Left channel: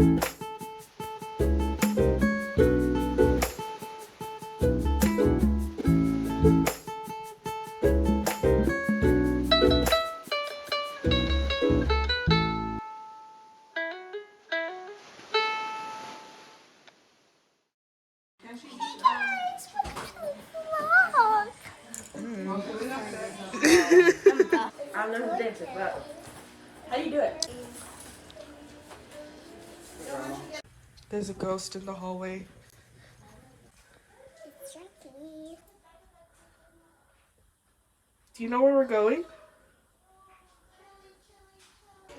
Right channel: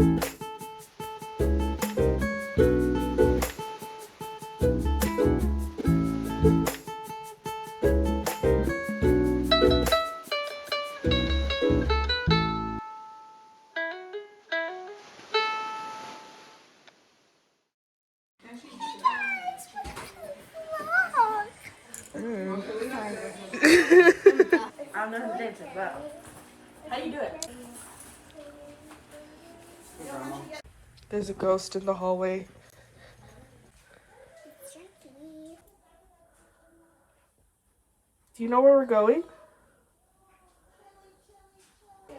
I don't know who's dancing, but how do you do it? There's a ghost in the hallway. Do you know where we're going?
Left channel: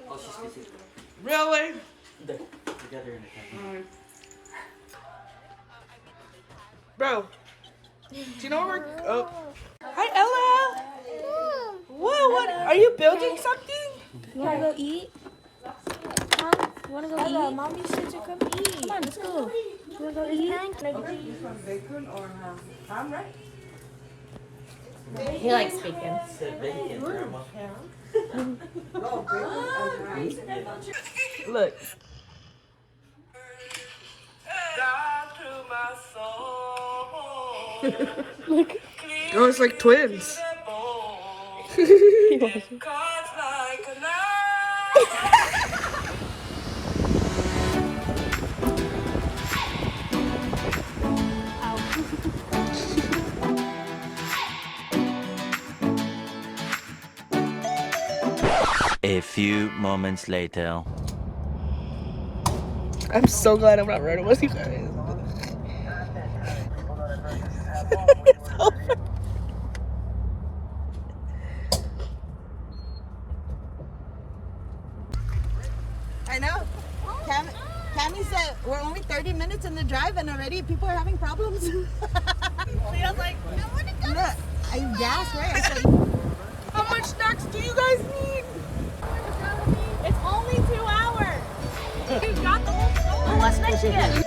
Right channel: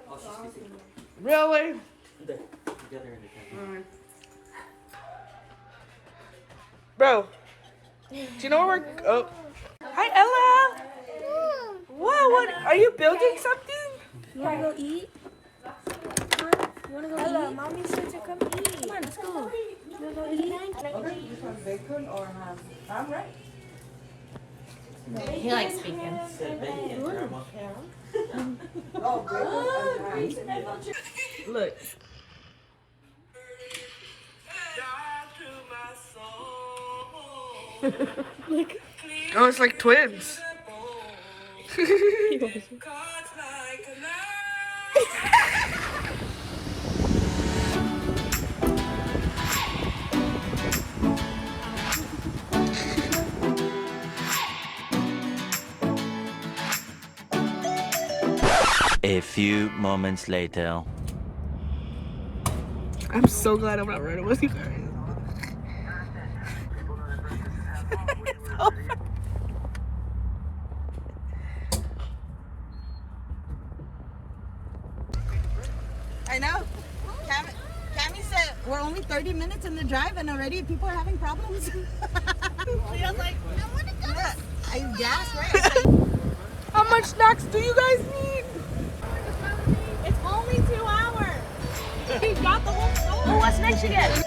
Oh, she's busy. Really? There. Together in the cafe. Bro, do you know where we're oh. Hi Ella! Whoa, what are you building something? You wanna go eat? Huh? You wanna go eat? Mommy said to come eat. Come on, let's go. You wanna go eat? Bacon or ham, right? He likes bacon. Said bacon, grandma. Look. Oh, it's like twins. A few moments later. I'm so glad I'm not running with you guys. It's over. I know. Tammy said we're only 30 minutes in the drive and already people are having problems. Leah's like, I want to go. Look, I gasped. How much snacks do you guys need? It's only 2 hours. You got the whole. Oh, what snacks you get?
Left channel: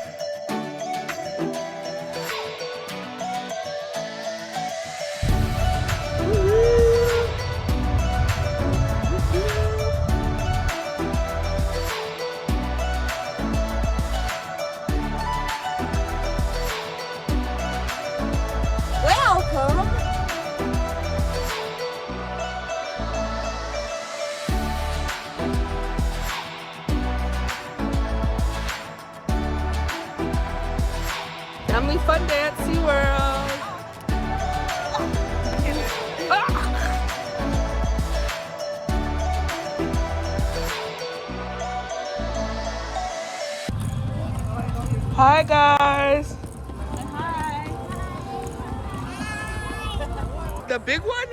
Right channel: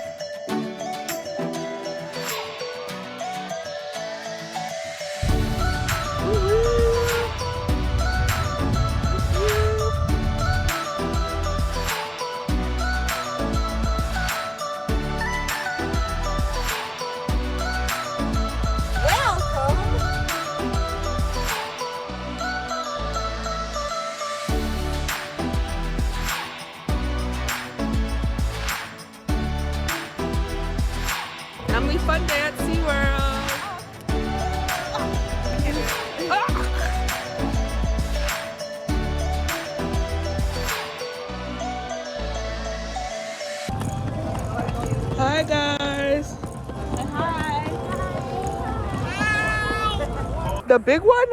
Family fun day at SeaWorld. Hi guys. Hi. The big one?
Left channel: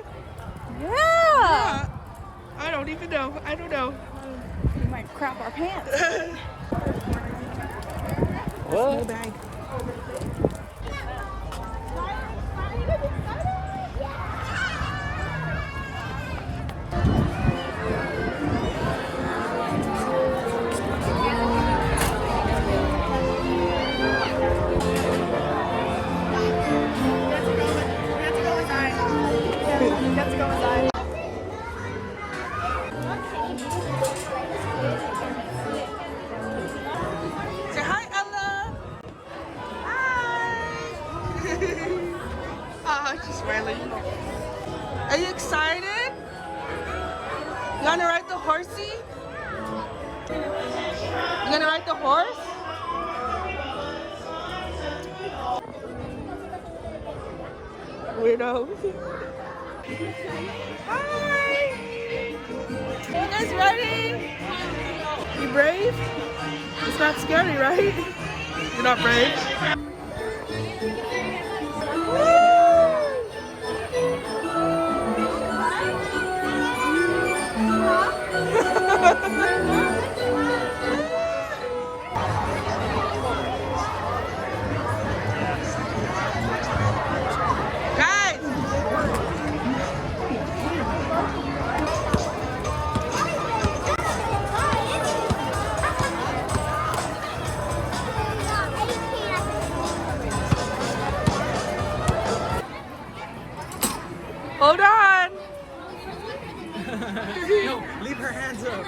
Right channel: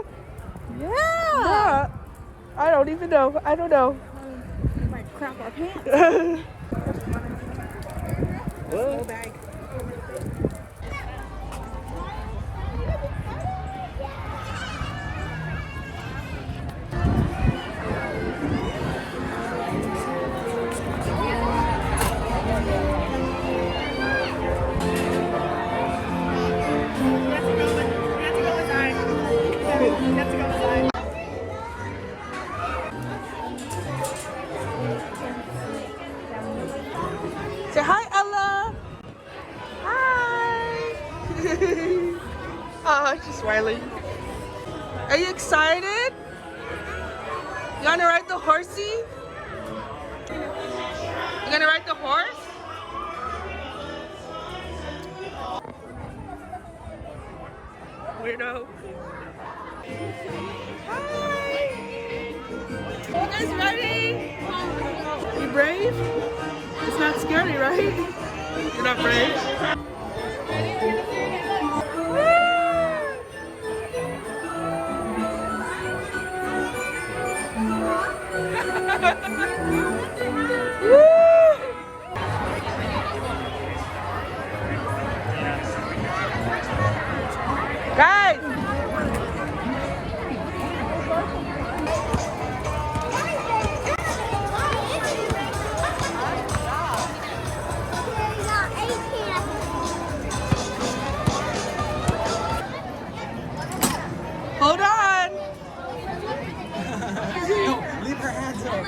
Yeah. I don't even know. I don't know. We might crap our pants. What? Bag. Say hi, Ella. Hi. Oh, she's smiling. Are you excited? You wanna ride the horsey? You gonna ride the horse? Weirdo. You guys ready? You brave? It's not scary, right? You're not brave? Guys! Hold on! Leave the hands up.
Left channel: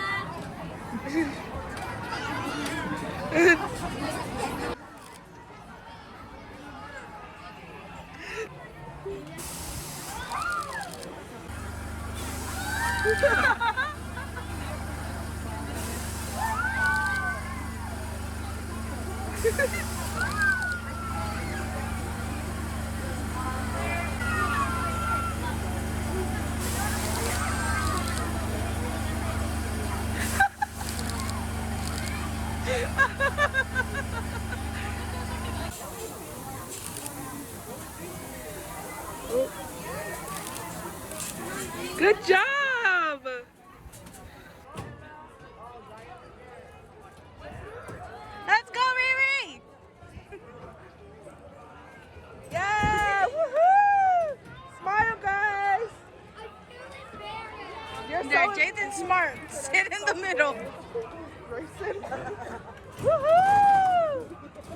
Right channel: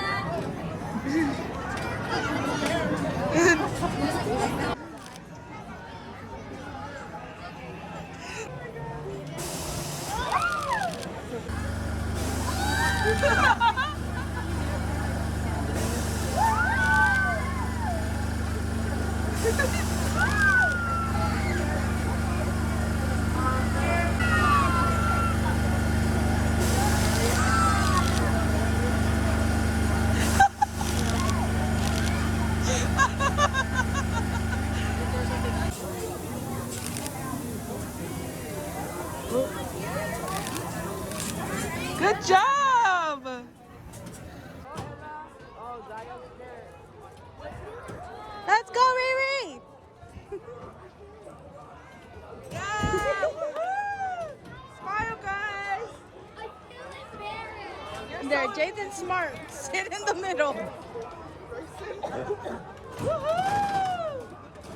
There, Jaden's smart. Sit in the middle.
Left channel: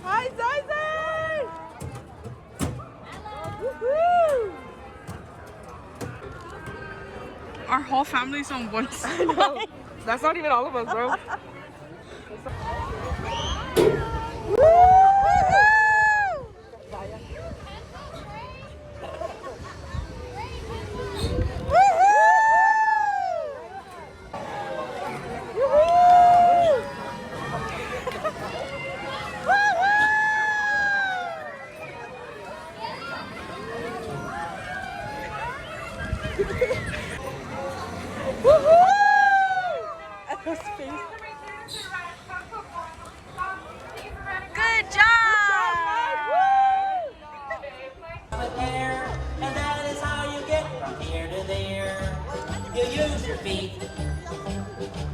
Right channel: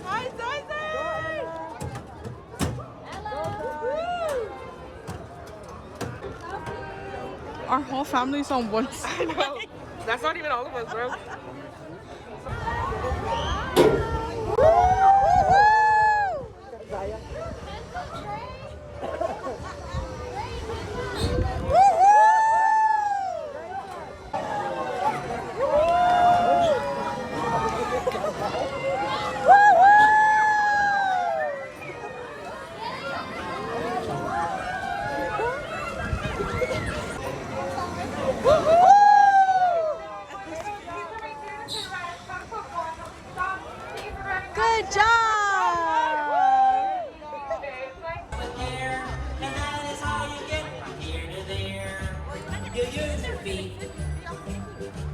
Hi, Zazen! Our whole family's on one side. That's not even all of us, bro. Good job! And that is how you get from here to there. You use your feet.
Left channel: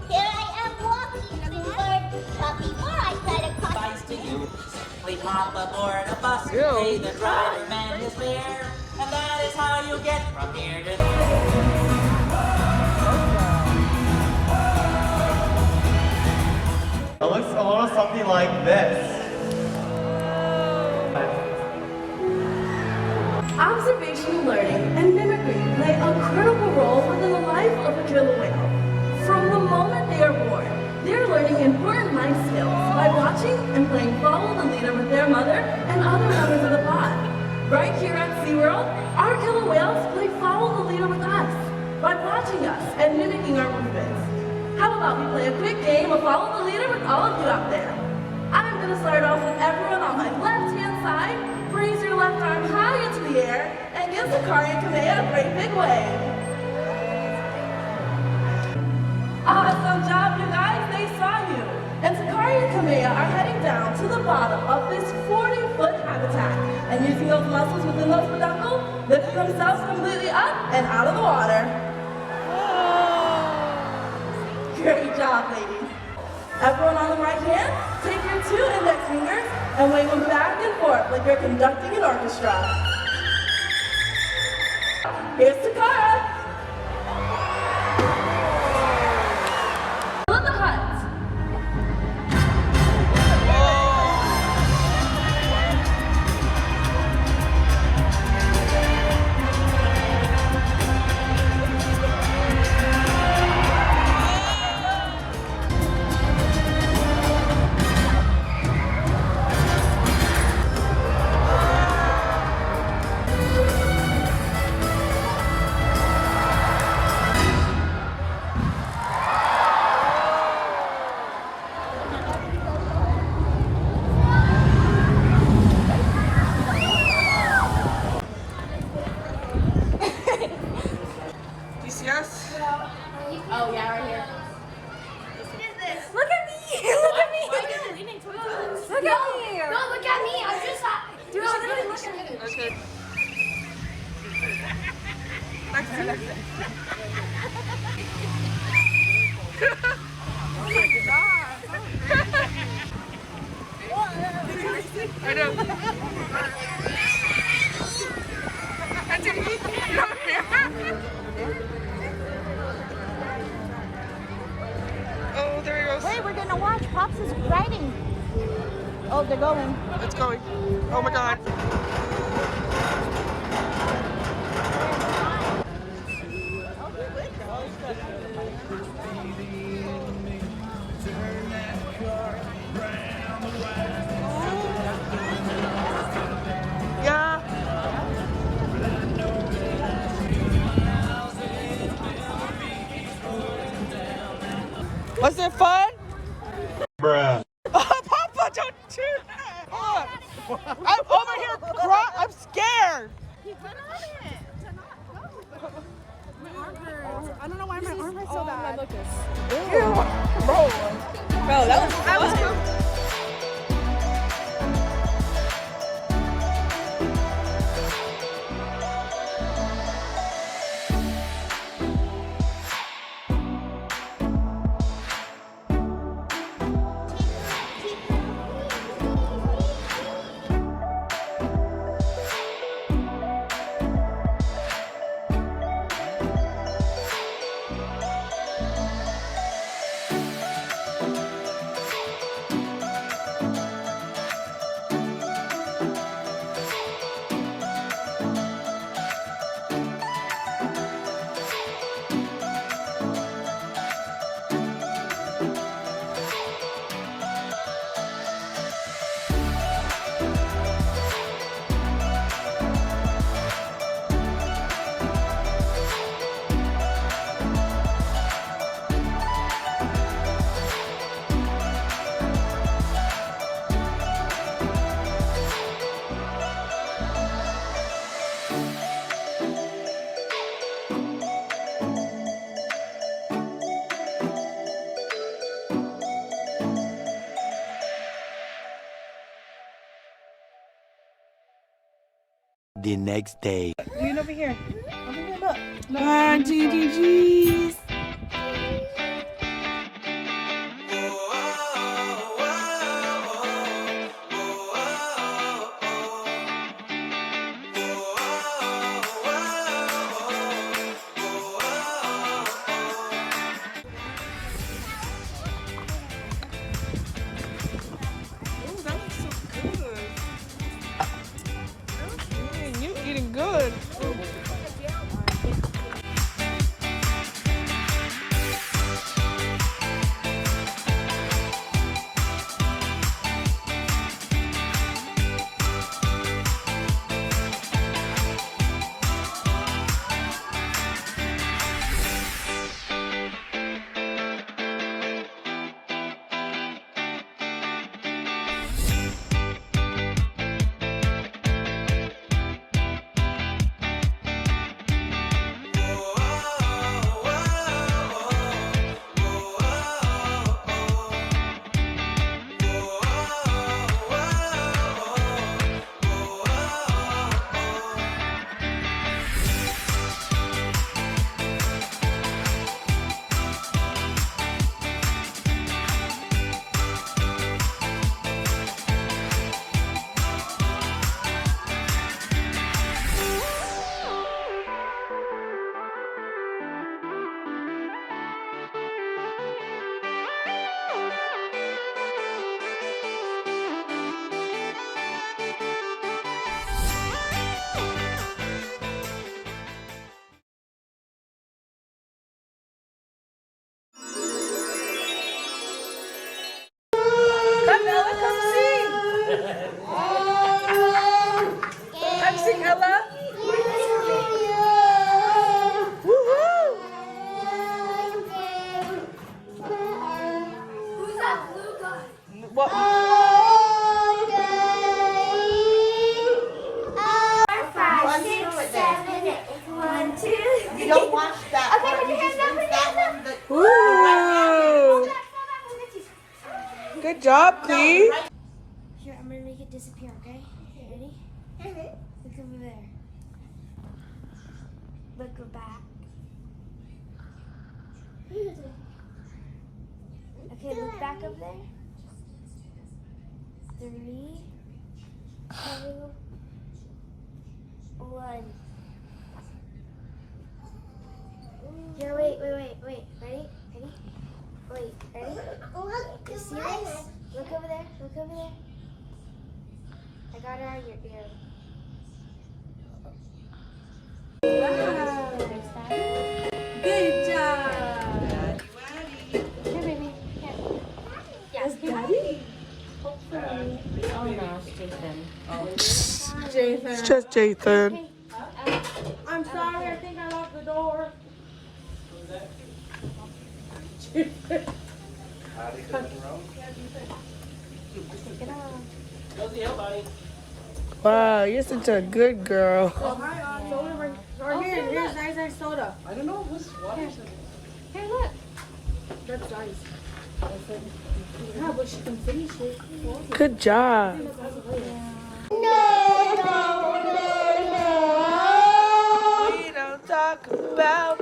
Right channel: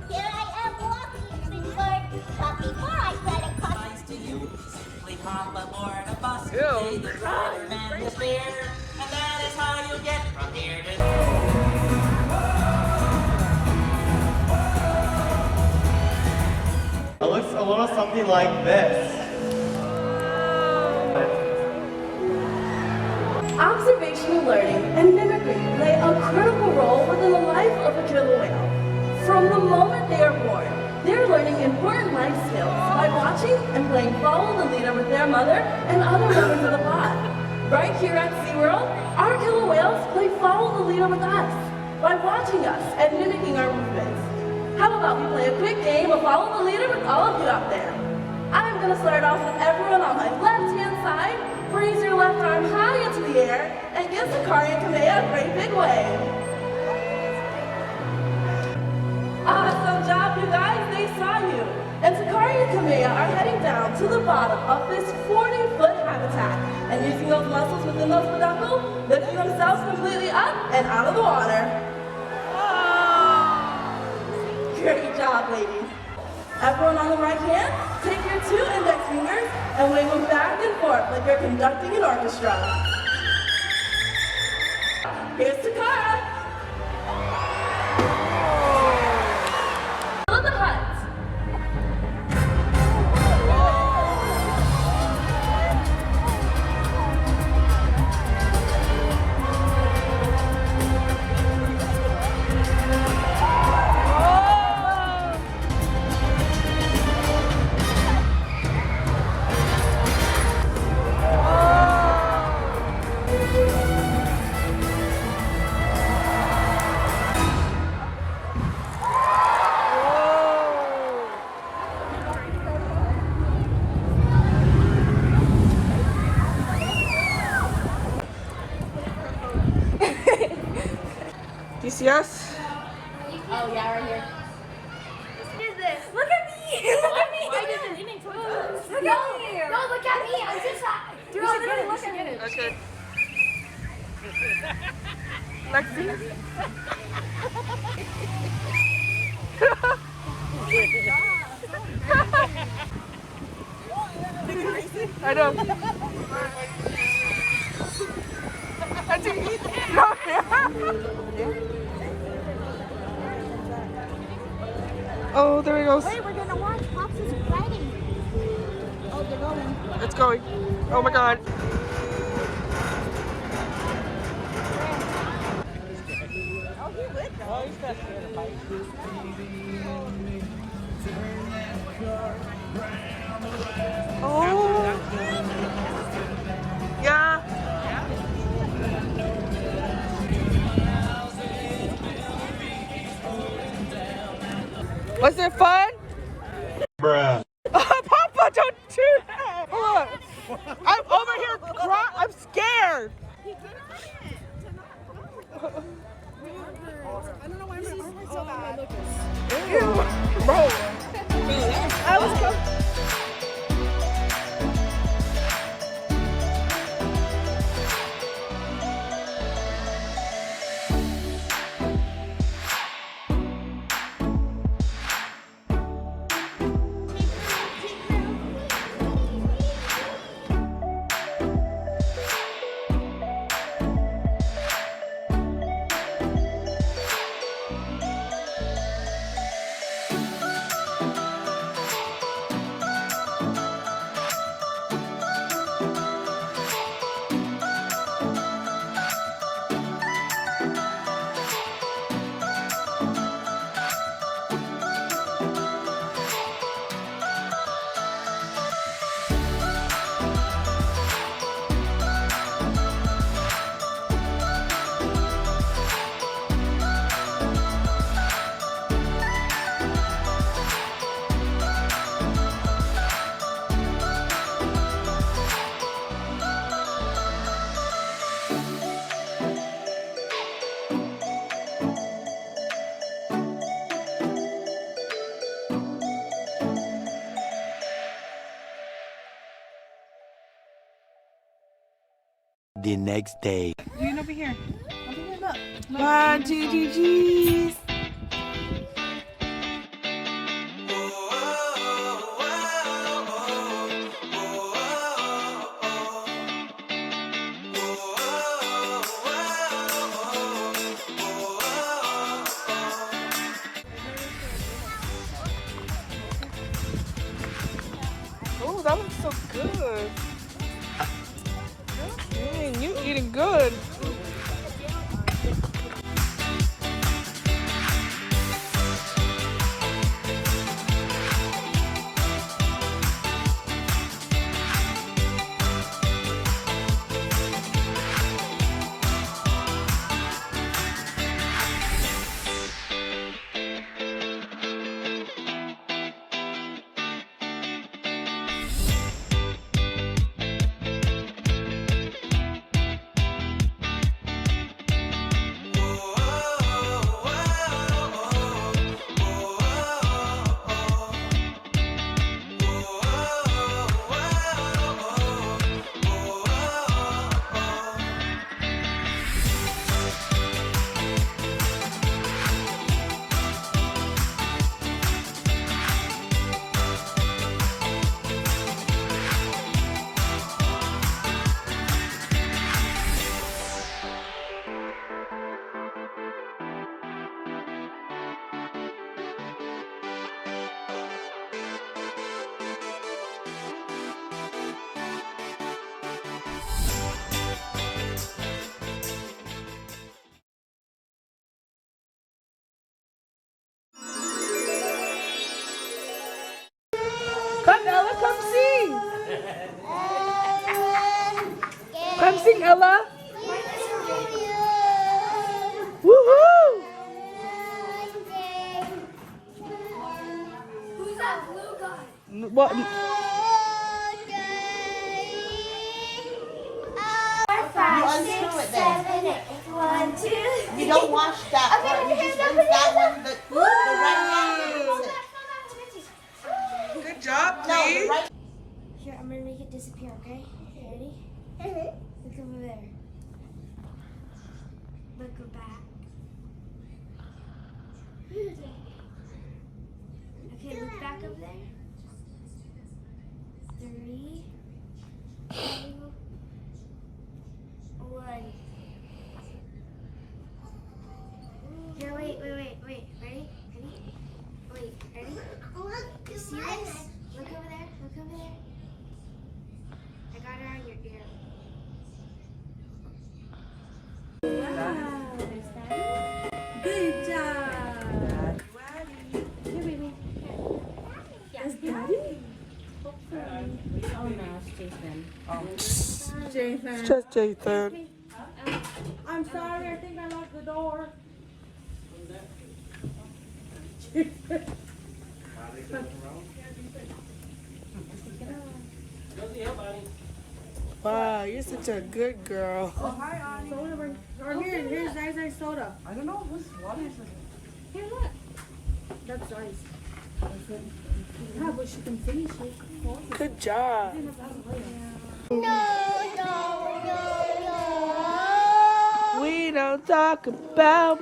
Here I am walking through hard, but before I try to cut Advice to you. Simply hop aboard a bus, pay the driver man his fare. And that is how you get from here to there. It looks a little something like this. Observational learning and mimicry play a critical role within the life of a killer whale. From the moment they are born, they're learning important life skills by watching and playing follow the leader with their mother and other members of the pod. Right here at SeaWorld, our killer whales play follow the leader with us by watching us and mimicking our movements. How about we play a quick game of follow the leader with all of you out there? I'm going to start off with everyone on my left-hand side. Raise your left arm high into the air and give Sakari and Kamea a great big wave. Awesome job, you guys. They saw you. And Sakari and Kamea are heading down to the bottom of this 40-foot habitat and using those muscles within those peduncles, lifting themselves completely up and out of the water. Great job, ladies. Everyone on the right hand, take your 2 index fingers and wave them back and forth like you're conducting an orchestra. Here's Takara. Follow the hut. Do you see us? Oh yeah, right here. Look at me! Look at me! Look at me! No, look at me. I'm just. Dude, literally look at me. Okay. Lexi. I know. You don't hear? Oh, there he goes. Wait, we're gonna watch. Pops is riding. Oh, they're going. It's going. Oh my god. Oh. Yeah. Was it fun? Bruh. Papa, don't do that! Hold on. I'm over here crying. I'm scared. I don't know why my arm is so bad. Bro. Bro, that was cool. the next day. Lean over here. Over here, look. 1, 2, 3, cheese. Oh, that looks so good. Dang, you eating good. Come, Ella, come sing. Come sing, Ella. Woohoo! Who's that blue guy? What? 5, 6, 7, 8. 1, 2, 3. You don't watch that. Okay, put your hands up, put your hands up. Woo! Good job, Cleve. Here, I'm gonna make it disappear, okay? Ready? Look over there. Look back. Okay, look back over there. 3, 2, 1. Here, wait. Ready? Wait, ready? You serious? Look over there. I got her on your ear. Good job. Here, baby. Here. That's Daddy? Oh no, it's Jason. Jason. It's just Jason. I'm sorry, I think I locked the door. Wow, you're such a good girl. Soda, or here's ice soda. I don't know who's water. Here, look. That's ice. Yeah, but she can finish it. Good job. We don't talk about.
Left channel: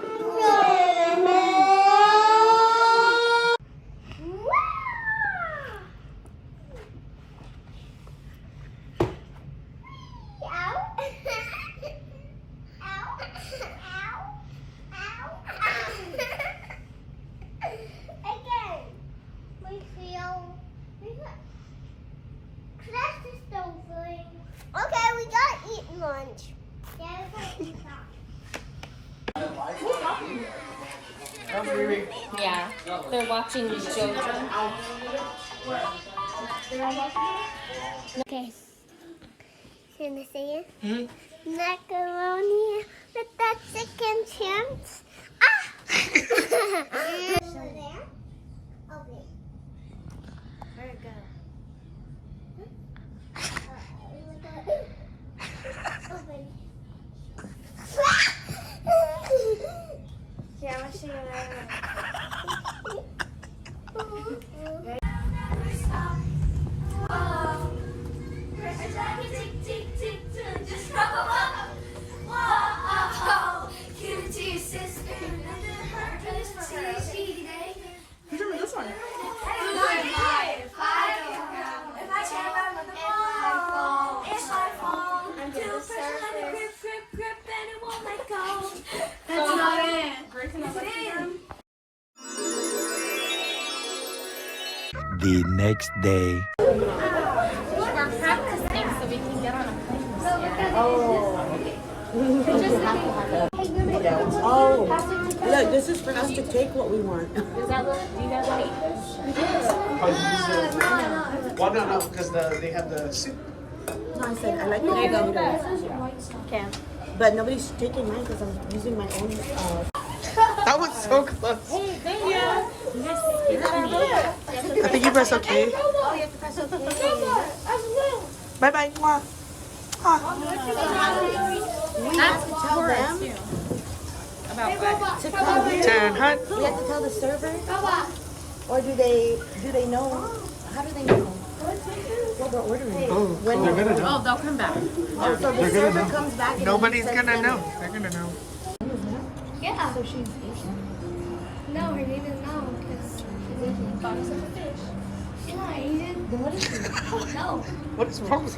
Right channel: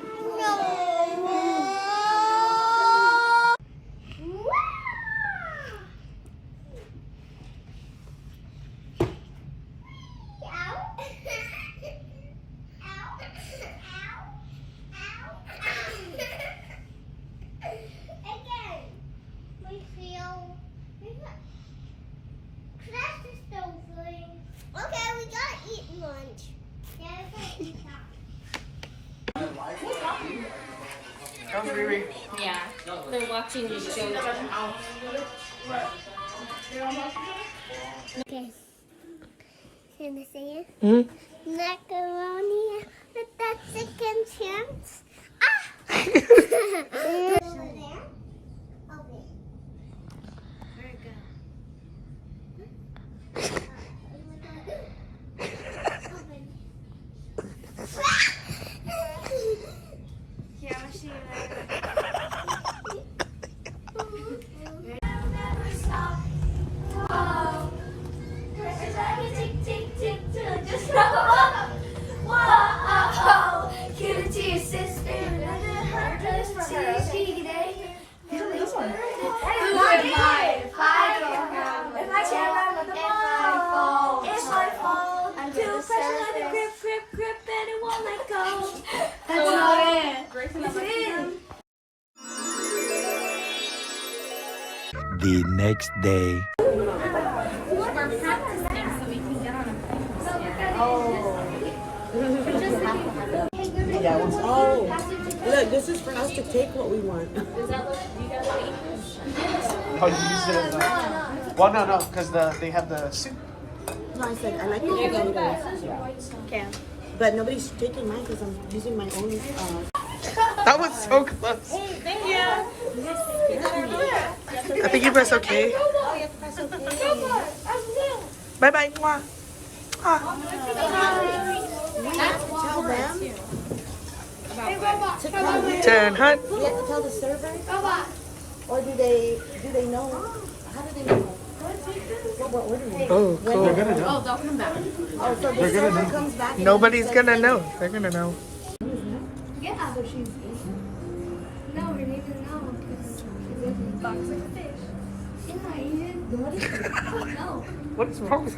Okay, we gotta eat lunch. Yeah, we gotta eat that. Come, baby. Yeah, they're watching JoJo. Okay. Can I say it? Hmm? Macaroni with that chicken chunks. Ah! Over there? Okay. Where'd it go? Yeah, I want to show you Just The next day. Oh, look, this is for us to take what we want. Well, no, because they have the soup. No, I said I like the potatoes. But nobody's taking mine because I'm using my own. That was so close. I think you press okay. Bye bye. Mwah. Turn hot. We have to tell the server, or do they know? How do they know what we're ordering? Oh, cool. They're gonna know. Oh, they'll come back. So the They're gonna server know. comes back and Nobody's gonna know. They're gonna know. Yeah. so she's Asian. No, her name is no, because she's not Asian. Then what is she? No. What is wrong with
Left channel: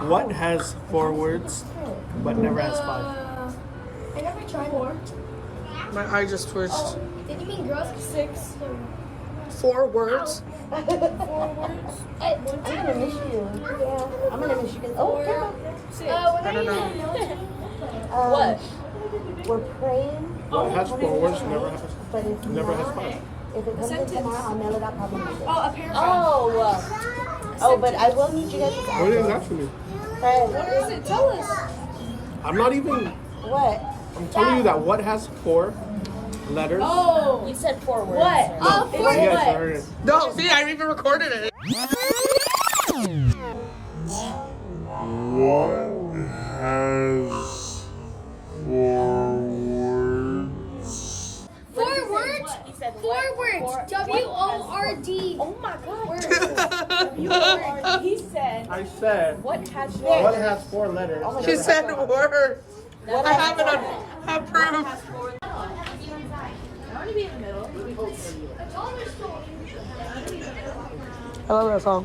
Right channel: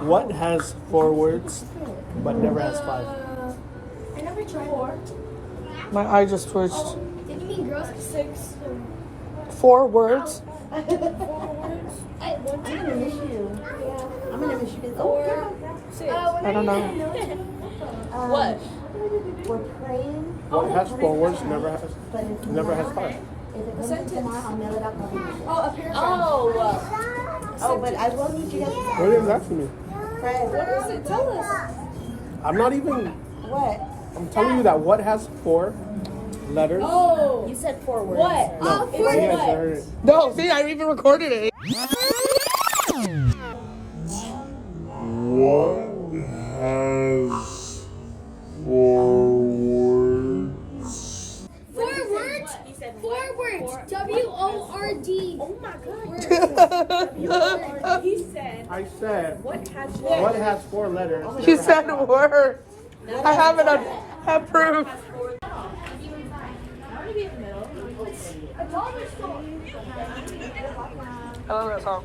What has 4 words but never has 5? I never tried. my eye just twitched? Did you mean girls? 6. 4 words? 4 words. At one time. I'm gonna miss you. Yeah. I'm gonna miss you. Or 6. I don't know. What? We're praying, What has 4 words never has but if never has 5? If it comes in tomorrow, I'll mail it out probably. Oh, a paragraph. Oh, but I will need you guys to What is that for me? What is it? Tell us. I'm not even. What? I'm telling you that what has 4 letters. Oh. You said 4 words. What? No, you guys heard it. No, see, I even recorded it. Four words? 4 words. W-O-R-D. Oh my God. He said, I said what has 4 letters. She never said has a 5. word. I have it on proof. I love that song.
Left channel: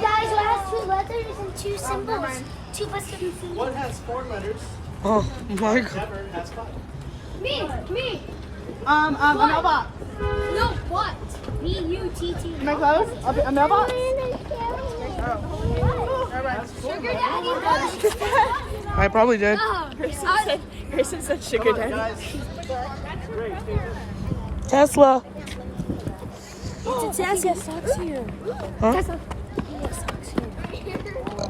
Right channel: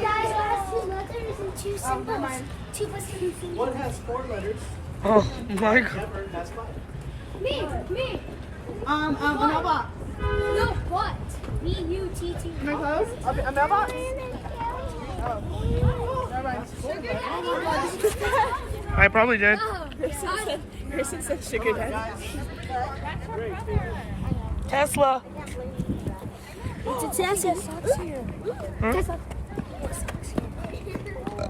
Guys, it has 2 letters and 2 symbols. 2 plus 2 symbols. What has 4 letters? Oh my god. Never has 5. Me. A mailbox. No, what? B-U-T-T. Am I close? A mailbox? Sugar daddy. I probably did. Grayson said sugar daddy. Guys, great. Tesla. It's a Tesla. Huh? Tesla.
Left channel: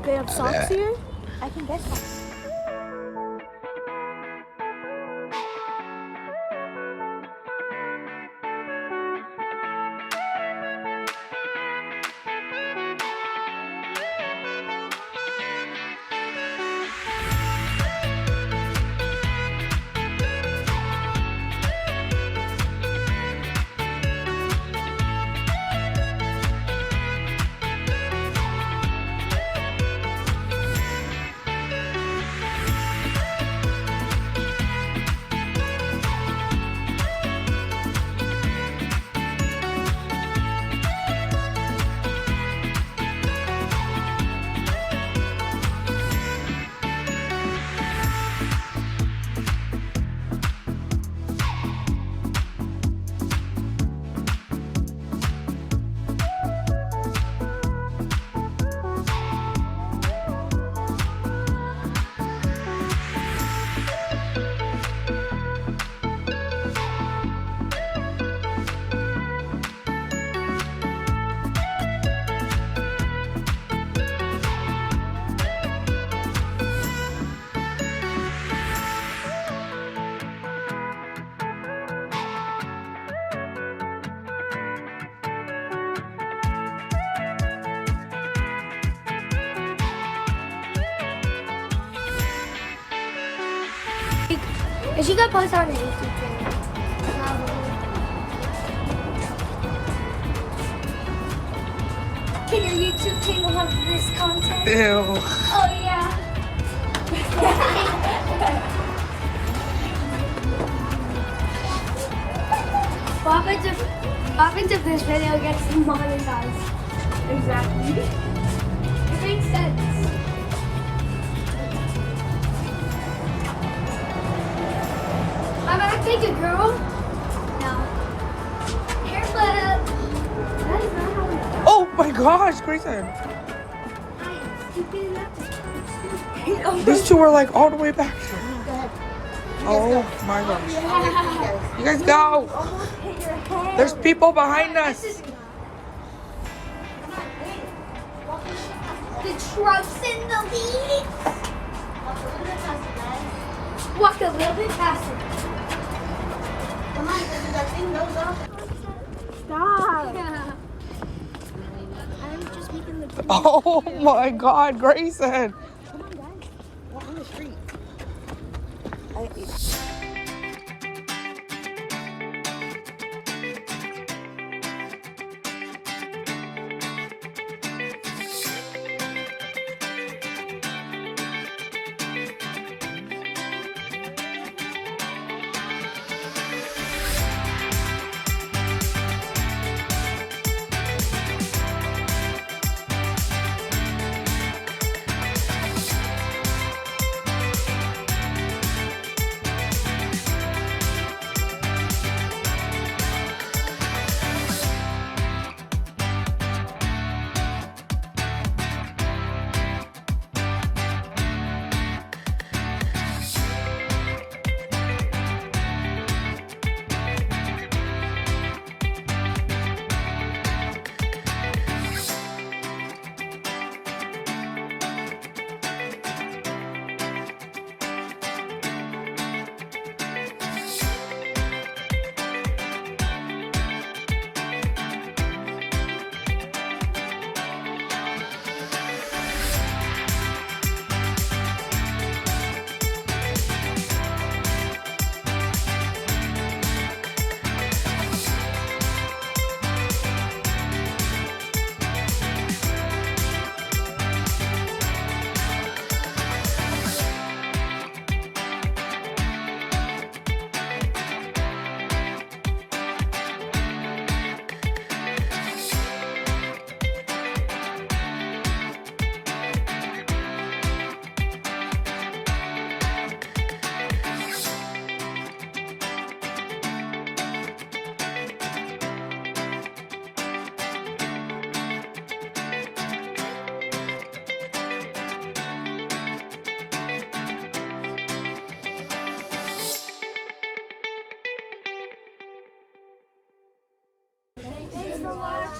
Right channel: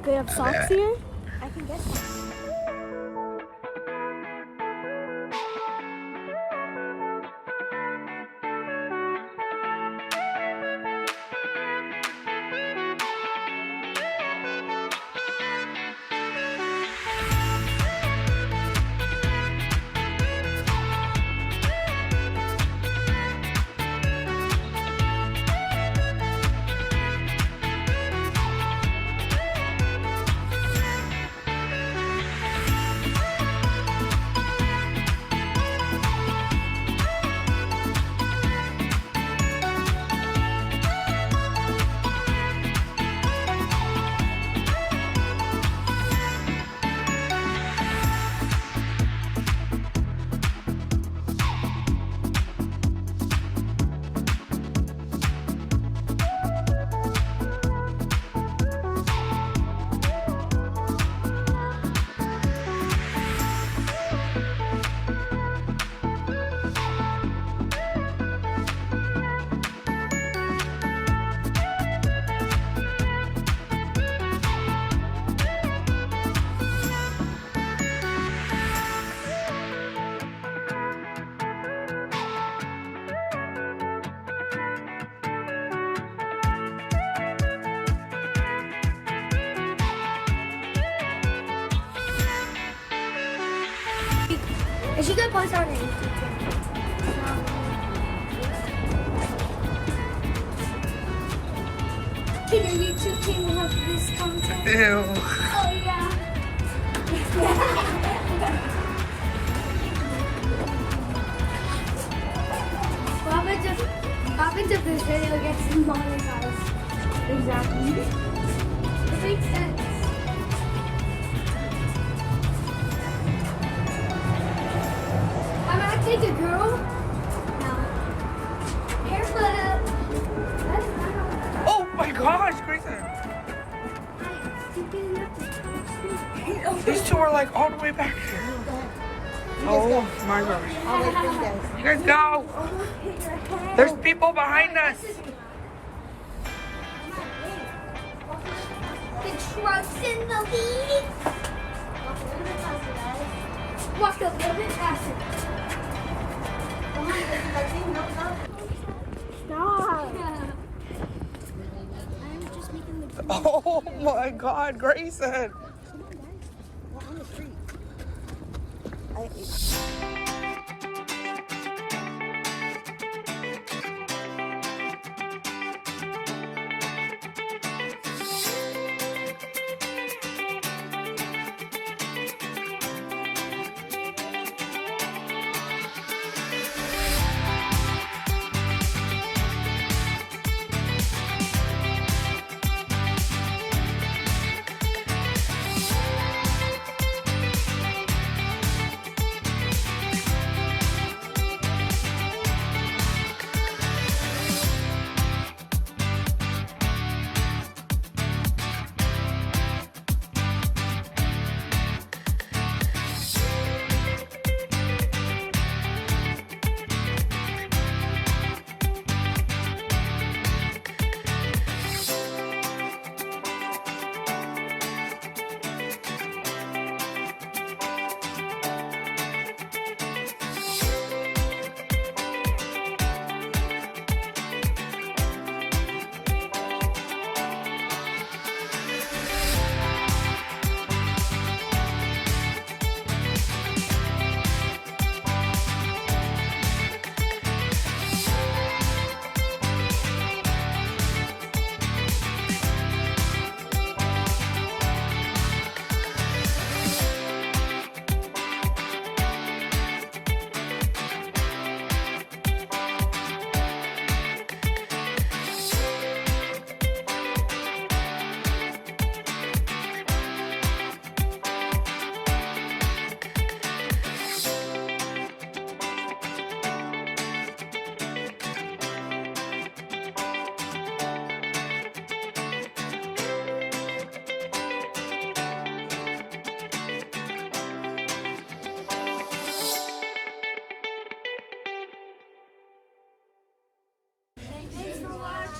They have socks here? I can guess. Is she gonna post on her YouTube channel? Can your YouTube channel have this content? Ew. Oh yeah. What happens if this video gets demonetized? Exactly. It makes sense. I'm acting a girl. No. Haircut. That is not how it Oh my gosh, Grayson. I am stupid enough to These two are like all the way back here. Oh my gosh. You guys go. There's people behind us. The truck's in the lead. Walk a little bit faster. Come on, that thing goes up. Stop. I'm just making the. Oh my God, Grayson. In the street.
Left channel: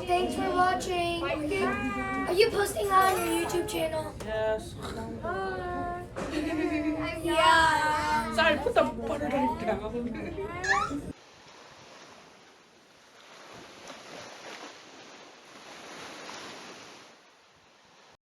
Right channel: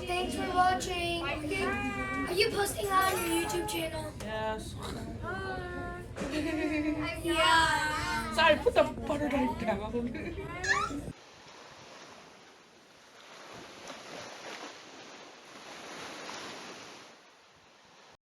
Thanks for watching. Are you posting on your YouTube channel? Yes. Yeah. Sorry, put the butter knife down.